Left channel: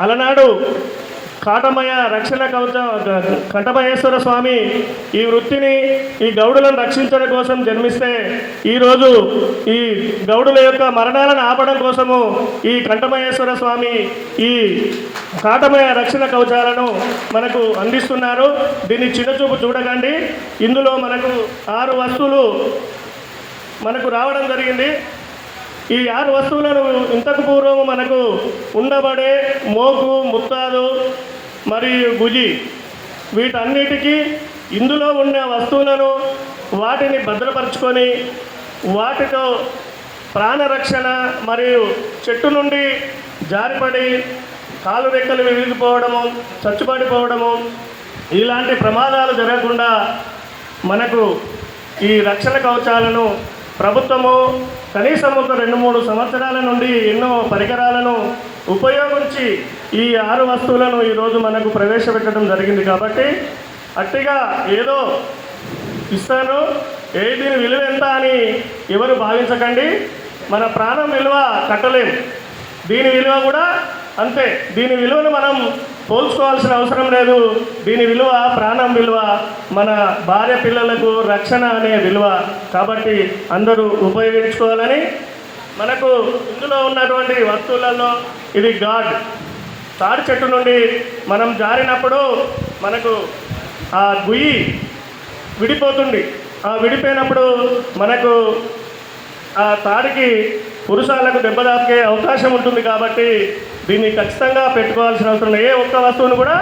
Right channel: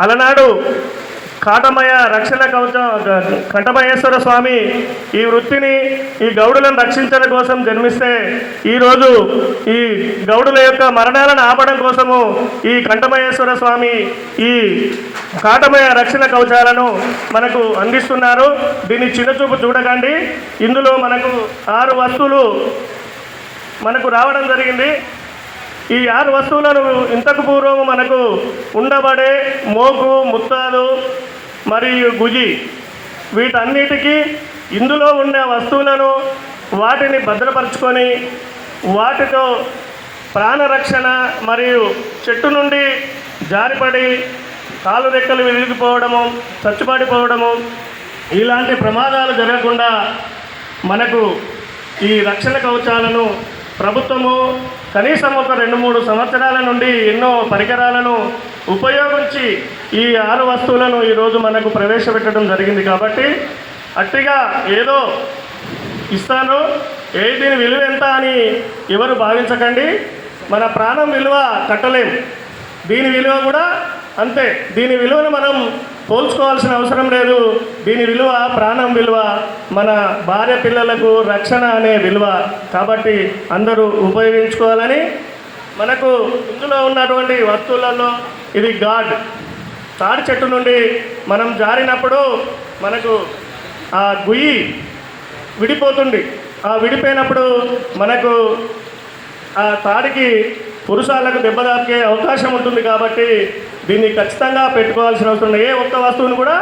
అలనాడు కాటమయ రక్షణ కవచ కంఠమయేశ్వర స్వామి ఈ వృత్తిని ఈ గౌడులను రక్షించడం కోసం జన్మిస్తే ఈరోజు ఈ గౌడుల యొక్క మరణాలను ఆపడం కోసము ఈ కంఠమయేశ్వర స్వామి ఈ కాటమయ రక్షణ కవచాలను మనకు అందిస్తున్నారు. దీన్ని చిన్నచూపు చూడకండి. ఇందులో మనకు ఆరు వస్తువులు మనకు రావడం జరిగింది. ఈ ఆరు వస్తువులను ఇంతకు పూర్వం మనకు ఉండబడే మోకు ముత్తాలు మరియు గుజి వీటన్నిటికీ ఇందులో ఉండే వస్తువులను వాటిని భద్రపరుచుకొని వాటితో ప్రాణరక్షణ మరియు చెట్టు నుండి జారిపడి కాలు రెక్కలు విరిగిపోవడము చచ్చుపడిపోవడము ఇలాంటి ప్రమాదాలు జరగకుండా మనకు ఈ రక్షణ కవచాలను ప్రభుత్వము కనీసం ఒక రెండు మూడు సంవత్సరాల నుండి ఎన్నో పరికరాలను ఉపయోగించి ఈ ఆరు వస్తువులను ఈరోజు మనకు ప్రవేశపెట్టడం జరిగింది కాబట్టి అట్టిగా ఏదో ఇస్తాను. ఏ దీని విలువ ఎంత అని ఎవరు భావించకండి. మన ప్రాణం విలువ కట్టలేము దీని విలువ కూడా అంతే. దీని విలువను మనం పోల్చుకోవాల్సిన అవసరం లేదు. దీని విలువ ప్రాణం విలువ మన భార్య పిల్లలకు రక్షణ అనే విలువ కాబట్టి అందరూ ఉపయోగించుకోవాలని మనకు ఇందులో ఉన్నటువంటి వస్తువులలో ఇది గాడ్. తాడి చెట్టు నుండి మనం జారినప్పుడు మనకు ఆ గుయ్యి విడిపోతుంది. ఆ విడిపోయినప్పుడు మనకు ఆ తాడికి పురుషాలకు దెబ్బతాకే అవకాశం ఉంటుంది కాబట్టి దీన్ని ఖచ్చితంగా పెట్టుకోవాల్సిన అవసరం ఏ ఒక్క వస్తువును కూడా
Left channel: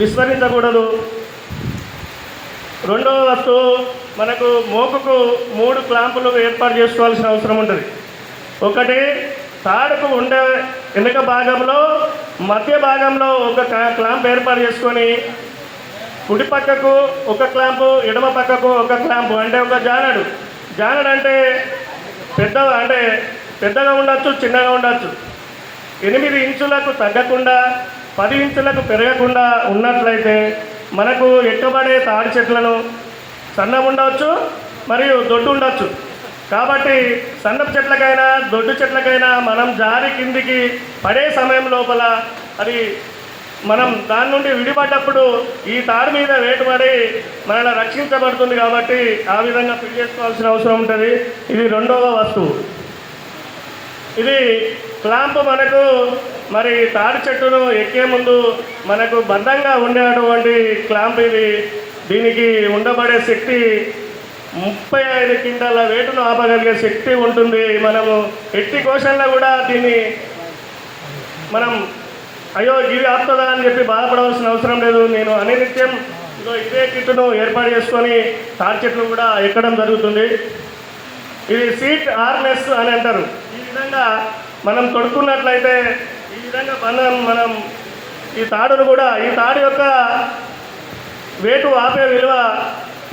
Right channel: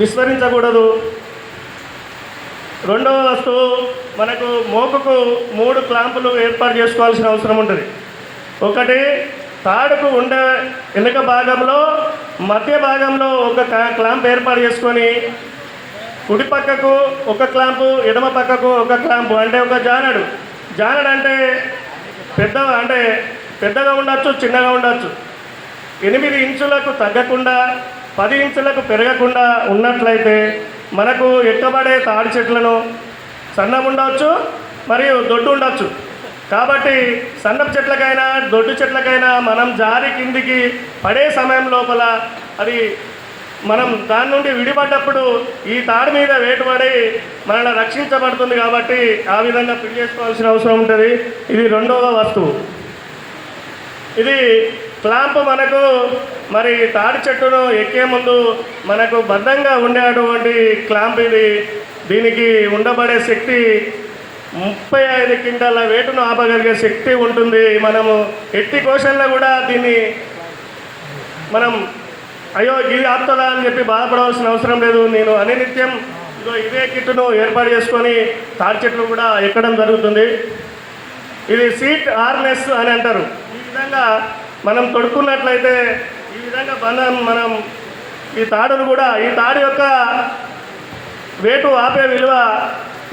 విస్మరించకూడదు. రెండవ వస్తువు మనకు మోకకు మూడు క్లాంపులు ఏర్పాటు చేసుకోవాల్సిన అవసరం ఉంటుంది. ఒకటి తాడుకు ఉండే వెనుక భాగంలో మధ్య భాగంలో ఒక క్లా- క్లాంప్ ఏర్పాటు చేసుకొని కుడి పక్కకు ఒక క్లాంపు ఎడమ పక్కకు ఒక క్లాంపు అంటే ఒక జానడు. జానడు అంటే పెద్ద అంటే పెద్దగా ఉండొచ్చు చిన్నగా ఉండొచ్చు. ఎనిమిది ఇంచులకు తగ్గకుండా పది ఇంచులకు పెరగకుండా ఉన్నట్లయితే మనకు ఎక్కబడే తాడి చెట్లను సన్నం ఉండవచ్చు మరియు దొడ్డు ఉండొచ్చు కాబట్టి సన్నపు చెట్లకైనా దొడ్డు చెట్లకైనా మనం జారి కిందికి పడే సమయం లోపల అది మనం దాని నుండి విడిపడ్డప్పుడు ఈ తాడి మీద వేటుపడి మనల్ని రక్షించబడుతుంది కాబట్టి ఆ విధంగా ఫిట్ చేసుకోవాల్సిన అవసరం ఉంటుంది. ఇది రెండవ వస్తువు. ఇది క్లాంప్ మనకు మరి తాడి చెట్టును ఎక్కే ముందు మనకు బంధంగా ఉండేటువంటి క్లాంప్ ఇది. దీనికి ఉండబడే శక్తి ముప్పై ఐదు క్వింటాల వేటును ఆపగలిగే శక్తి ఉంటుంది. మనము ఎట్టి కోశంలో కూడా దీన్ని మనం అయ్యో ఇది ఆపుతుందా అని చెప్పి బాధపడవలసిన అవసరం లేదు. నేను అనినిత్యం ఇదో ఇదే కిట్టును ఏర్పాటు చేసుకొని తాడి చెట్లు కూడా ఎక్కడం జరుగుతుంది. ఇది సీట్ ఆర్నెస్ అని అంటారు. ఈ విధంగా మనం తొడుక్కున్నట్లయితే ఈ విధంగా బంధం మనం ఈ తాడును కూడా ఈ తాడు యొక్క వేటు ఆపే విలువ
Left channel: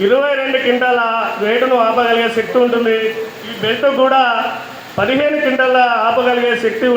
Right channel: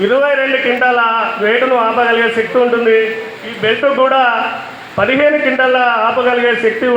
ఇరవై రెండు క్వింటాల వేటును ఆపగలిగే శక్తి ఉంటుంది. ఈ బెల్ట్ కూడా పదిహేను క్వింటాల ఆపగలిగే శక్తి